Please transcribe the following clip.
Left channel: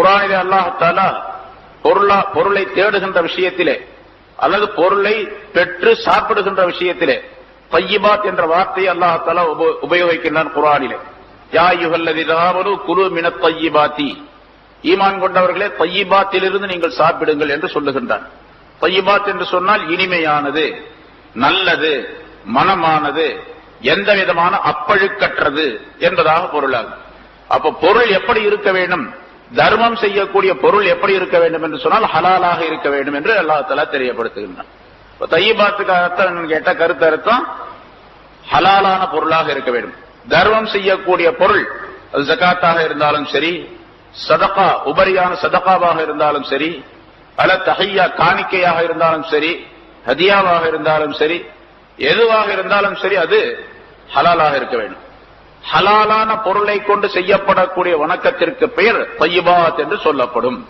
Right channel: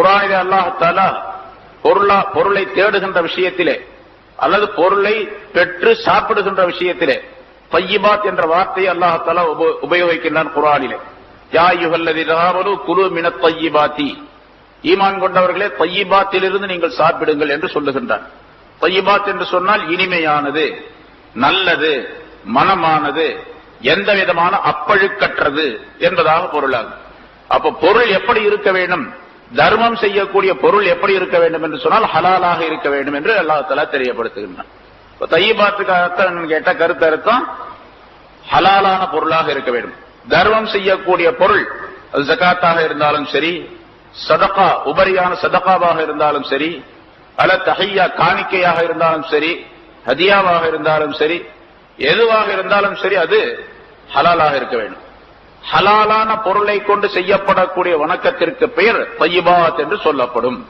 குர்ஆனிலே அல்லாஹ் தஆலா பொருளை தேடுகின்ற விஷயத்திலே அல்லது பொருளை பெற்று சாப்பிடுகின்ற விஷயத்திலே தய்யிபாத் என்ற வார்த்தையை அல்லாஹ் தஆலா உபயோகிக்கின்றான் குர்ஆனிலே. யா அய்யுஹல்லதீன ஆமனூ குலூ மினத் தய்யிபாத்தி, ஈமான் கொண்டவர்களே தய்யிபாத்திலிருந்து நீங்கள் சாப்பிடுங்கள் என்று சொல்லுகின்றான். தய்யிபாத் என்று சொன்னால் இனிமையானது, நல்லது, மனமானது, எந்த விதமான அப்பழுக்கற்றது என்பதாக பொருளாகும். அப்ப பொருள் எப்படி இருக்க வேண்டும், தர்மம் செய்யக்கூடிய பொருள் எப்படி இருக்க வேண்டும் என்று சொன்னால் ஹலாலாக இருக்க வேண்டும் என்று அல்லாஹ் தஆலா தெரியப்படுத்துகின்றான். தய்யிபாத்துக்கு அர்த்தம் கேட்ட கருத்து அர்த்தம் ஹலாலான பொருளாக இருக்க வேண்டும். தர்மம் செய்யக்கூடிய பொருள் அது ஜகாத்தாக இருந்தாலும் சரி, சதகா உபரியான சதகாவாக இருந்தாலும் சரி, அல்லது தஹியா காணிக்கையாக இருந்தாலும் சரி, ஹதியாவாக இருந்தாலும் சரி, எதுவாக இருந்தாலும் சரி அது ஹலாலாக இருக்க வேண்டும். ஹலாலான பொருளை கொண்டு செய்யப்படக்கூடிய வணக்கத்திற்கு பெயர் தய்யிபாத் என்று சொல்லப்படும்.